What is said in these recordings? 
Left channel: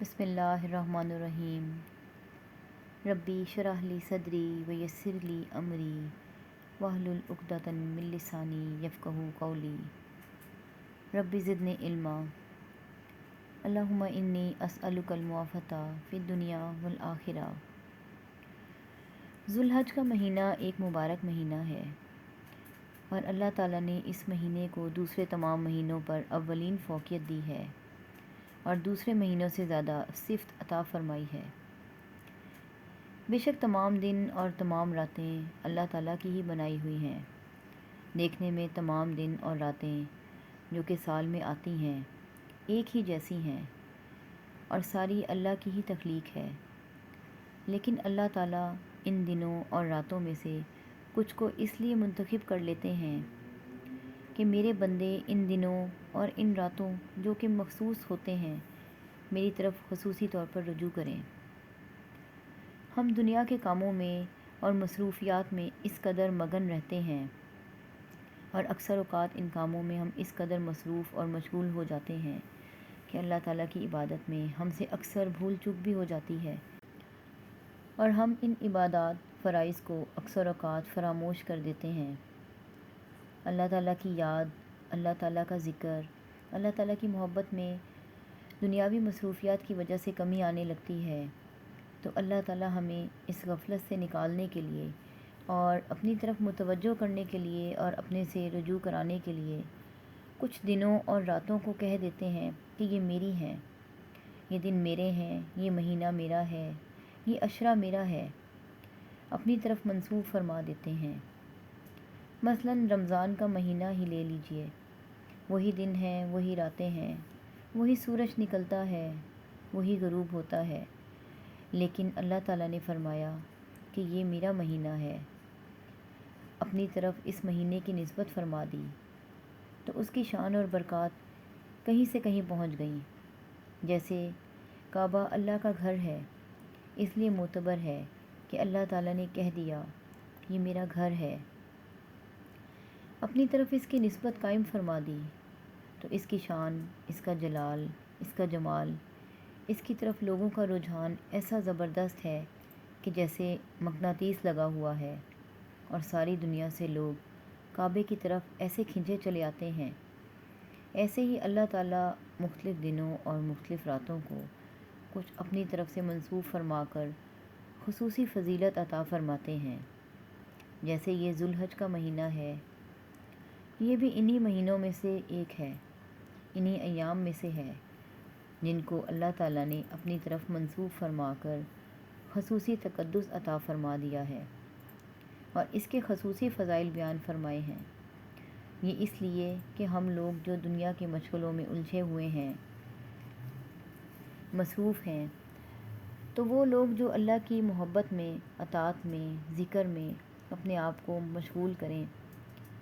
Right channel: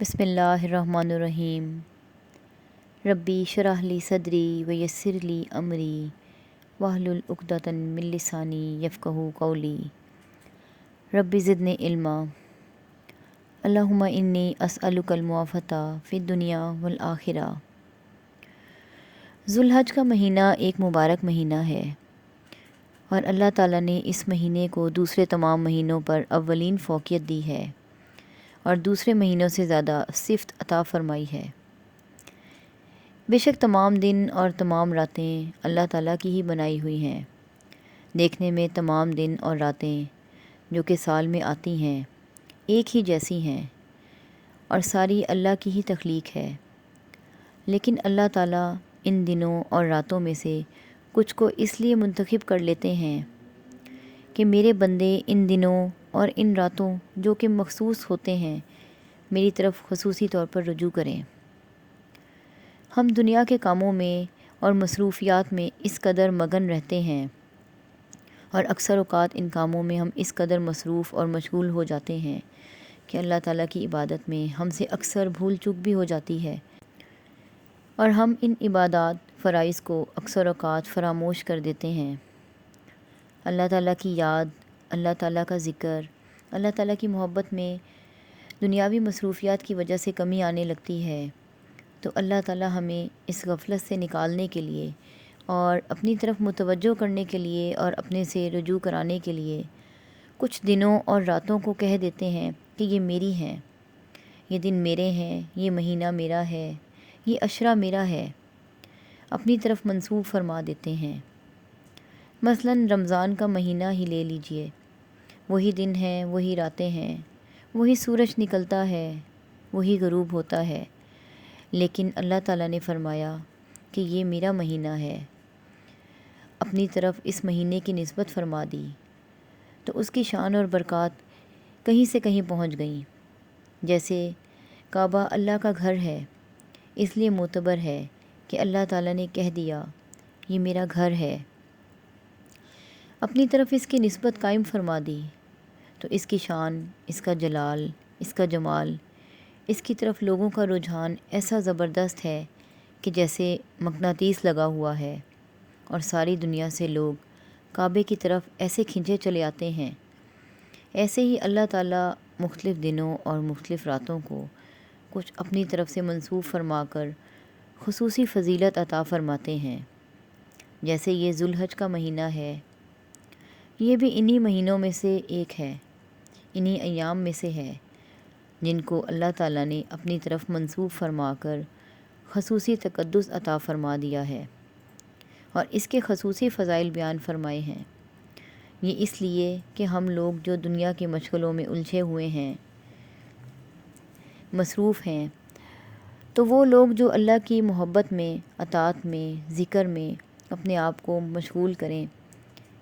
بسم اللہ الرحمن الرحیم۔ ربی شرح لی صدری ویسر لی امری واحلل عقدۃ من لسانی یفقہوا قولی۔ ربی زدنی علما۔ اللہم انی اسألک المعافاۃ فی الدنیا والآخرہ۔ ذو الحج کا مہینہ ایک مبارک مہینہ ہے اور اللہ تعالیٰ نے اس مہینے کو دوسرے تمام مہینوں پر اولین فوقیت دی ہے اور دوسرے مہینوں سے زیادہ صفت عطا فرمائی ہے۔ بے شک تمام دن اور تمام راتیں اللہ تعالیٰ کی ہی بنائی ہوئی ہیں۔ دیکھنے میں تمام دن اور راتیں جو کہ سال میں آتی ہیں ایک ہی جیسی ہیں اور ساری اللہ کی ہی تخلیق ہے، لیکن اللہ تعالیٰ ان دنوں اور راتوں میں سے کچھ کو اس لیے منتخب کر لیتے ہیں کہ میرے بندے ان دنوں اور ان راتوں جو کہ مخصوص ہوتے ہیں میری طرف خصوصی طور پر رجوع کریں۔ ہم دنیا کے کاموں میں اور مصروفیات میں اس قدر مگن رہتے ہیں اور اکثر اوقات ان کاموں میں ہم اس قدر مصروف اور مشغول ہو جاتے ہیں کہ اللہ تعالیٰ کی عبادت میں ہم سے اکثر بھول چوک بھی ہو جاتی ہے اور ہم ان عبادات فرائض کو اکثر اوقات فراموش کر دیتے ہیں۔ اللہ تعالیٰ کی یاد، اللہ تعالیٰ کا ذکر، اللہ تعالیٰ کی محبت میں دنیاوی مصروفیات کی وجہ سے کمی آنے لگتی ہے، تو اللہ تعالیٰ ہمیں اس غفلت سے نکالنے کے لیے اور اپنی طرف متوجہ کرنے کے لیے اور اپنے سے رجوع کرانے کے لیے کچھ دنوں اور راتوں کو کہہ دیتے ہیں کہ یہ میری ہیں، یہ دن میرے ہیں، یہ مہینہ میرا ہے، یہ عشرہ میرا ہے، اپنی طرف منسوب فرما دیتے ہیں۔ مثلاً رمضان کا مہینہ ہی لے لیجئے، وہی دن ہیں، وہی راتیں ہیں، وہی سورج نکلتا ہے، وہی غروب ہوتا ہے، لیکن اللہ تعالیٰ نے فرمایا کہ یہ میرا مہینہ ہے، اپنی طرف اس مہینے کی نسبت فرما دی، تو اس کی شان اور برکات کہیں سے کہیں پہنچ گئیں۔ جیسے کعبہ اللہ کا گھر ہے، اس لیے معتبر ہے کہ اللہ تعالیٰ نے کہہ دیا یہ میرا گھر ہے، اپنی طرف اس کی نسبت قائم فرما دی، تو اس کی شان، اس کا جلال، اس کا جمال، اس کی طرف لوگوں کا رجحان ایسا زبردست ہے کہ جیسے مقناطیس لگا ہوا ہے اور ساری دنیا سے لوگ کعبے کی طرف ایسے کھنچے چلے آتے ہیں۔ ایسے ہی اللہ تعالیٰ مختلف دنوں اور مختلف راتوں کو کچھ اپنی طرف سے منسوب فرما کر خصوصی فضیلت عطا فرماتے ہیں۔ جیسے یہ ذو الحج کا مہینہ ہے، یہ بھی انہی مہینوں میں سے ایک ہے، انہی ایام میں سے ہے جن کو اللہ تعالیٰ نے اپنی طرف منسوب فرما کر خصوصی تقدس عطا فرما دیا ہے اور اس کے خصوصی فضائل بیان فرمائے ہیں۔ یہ اس لیے کہ ہم لوگ جو دنیا کی مشغلوں میں الجھے ہوئے ہیں، مصروف ہیں، تو وہ لوگ جو اللہ کی محبت میں، اطاعت میں، ذکر میں اپنے آپ کو مشغول کریں،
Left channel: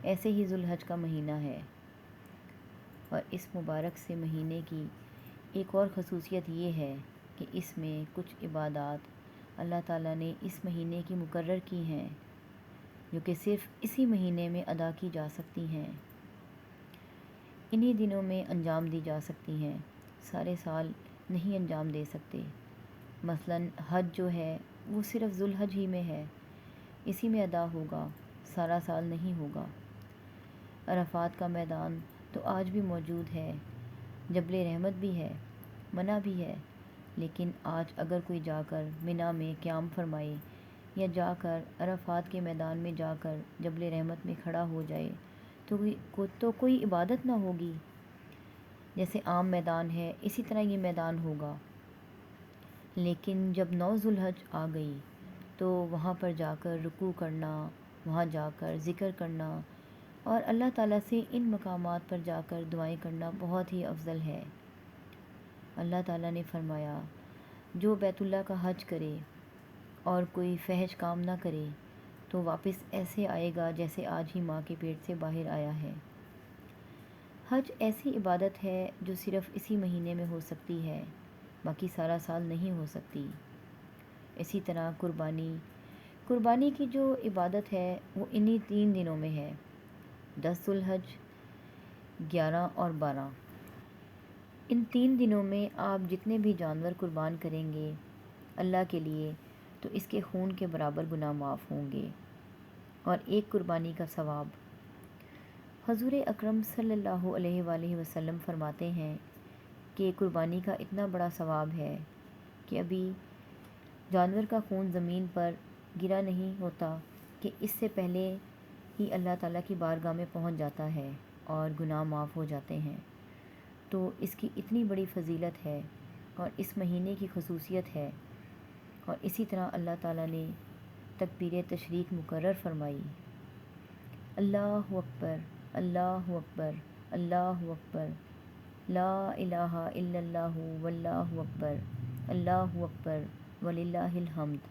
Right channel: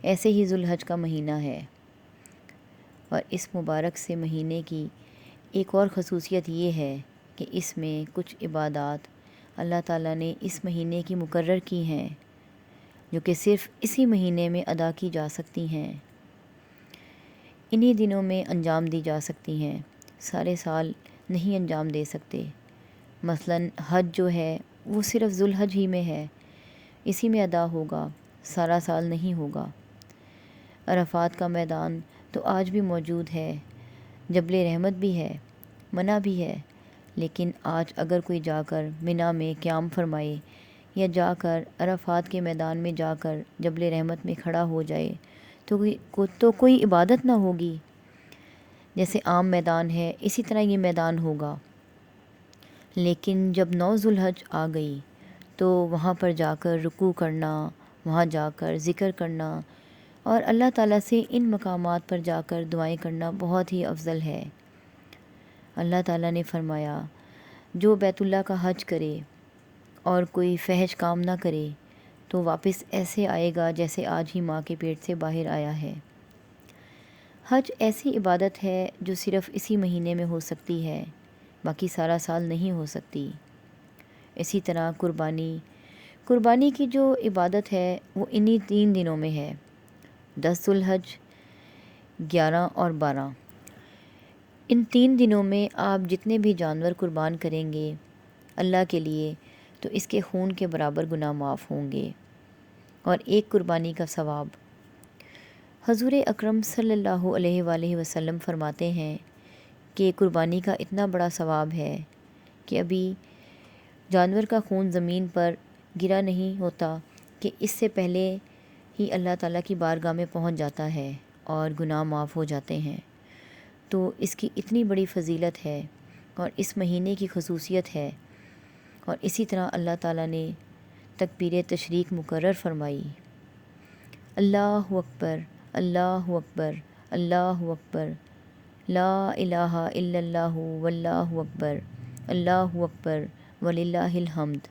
ایسے ہی ذو الحج کا مہینہ ہے۔ اور اس مبارک سے مہینے کی ایک اور خصوصیت یہ ہے کہ اس میں کچھ عبادات اللہ تعالیٰ نے اس مہینے کی مقرر کی ہیں جو کہ صرف اسی مہینے میں ادا کی جا سکتی ہیں، انہی دنوں میں انجام دی جا سکتی ہیں، سارے سال نہیں انجام دے سکتے۔ مثلاً حج جو ہے وہ صرف ذو الحج ہی میں ہے، اسی میں ادا ہوگا، سارا سال نہیں ہوگا۔ عرفات کا میدان تو آج بھی موجود ہے، جبل رحمت بھی ہے، منع بھی ہے، لیکن آج اگر کوئی جا کر منی میں قیام فرمائے یا جا کر عرفات کے میدان میں جا کر جبل رحمت میں کھڑا ہو جائے تو کوئی عبادت نہ ہوگی۔ جیسے عام میدان ہے اسی طرح یہ میدان ہوگا، لیکن جب 9 ذو الحج آ گئی تو وہاں پر جا کر رکوع کرنا، وہاں جا کر ذکر کرنا اور اللہ تعالیٰ سے ان مقامات پر جا کر دعائیں کرنا بہت ہی افضل ہے۔ اللہ تعالیٰ نے فرمایا جو بیت اللہ کا حج کرے اور کوئی فحش کام نہ کرے تو واپس ایسے آئے گا جیسے آج ہی ماں کے پیٹ سے باہر آیا ہے۔ حج ایسی عبادت ہے جو صرف اسی مہینے میں ہو سکتی ہے، باقی سارا سال نہیں ہو سکتی۔ اسی طرح قربانی کی جو عبادت ہے وہ انہی 3 دنوں میں ہے، 10 ذو الحج، 11 اور 12۔ ان 3 دنوں میں آپ جتنے بھی جانور قربان کریں گے اللہ کے لیے تو اس کے خون کے برابر گناہ معاف ہوں گے، اور ایک قربانی کا ثواب۔ حضور اکرم صلی اللہ علیہ وآلہ وسلم فرماتے ہیں کہ قربانی کا اتنا بڑا ثواب ہے کہ ابھی جانور کا خون زمین پر گرا نہیں ہوتا کہ اس سے پہلے ہی اللہ تعالیٰ کی بارگاہ میں پہنچ جاتا ہے اور گناہ معاف ہو جاتے ہیں۔ تو اس کی اتنی بڑی فضیلت ہے اور اس مہینے کی خصوصیت ہے، اور اسی طرح اللہ تعالیٰ نے تکبیر تشریق مقرر فرمائی، اللہ اکبر اللہ اکبر اللہ اکبر، لا الہ الا اللہ واللہ اکبر، اللہ اکبر وللہ الحمد۔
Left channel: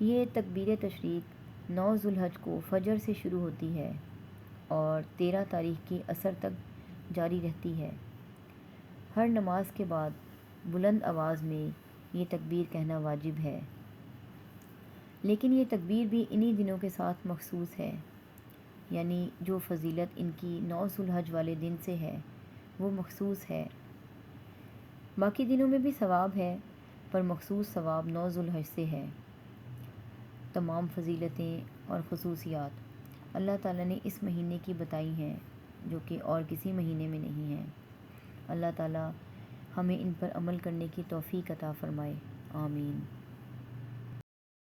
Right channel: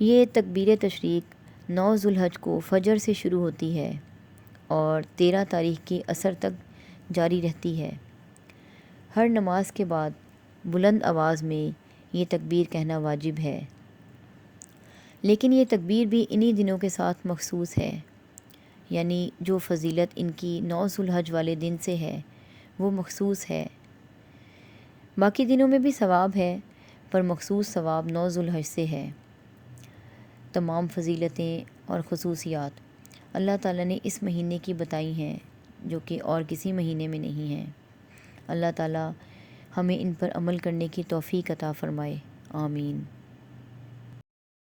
یہ تکبیر تشریق 9 ذوالحج کو فجر سے شروع ہوتی ہے اور 13 تاریخ کی عصر تک جاری رہتی ہے۔ ہر نماز کے بعد بلند آواز میں یہ تکبیر کہنا واجب ہے، لیکن یہ تکبیر بھی انہی دنوں کے ساتھ مخصوص ہے، یعنی جو فضیلت ان کی 9 ذوالحج والے دن سے ہے وہ مخصوص ہے۔ باقی دنوں میں بھی ثواب ہے، پر مخصوص ثواب 9 ذوالحج سے ہے۔ تمام فضیلتیں اور خصوصیات اللہ تعالیٰ نے اس مہینے کی بتائی ہیں جو کہ اور کسی مہینے میں نہیں ہیں۔ اللہ تعالیٰ ہمیں ان پر عمل کرنے کی توفیق عطا فرمائے، آمین۔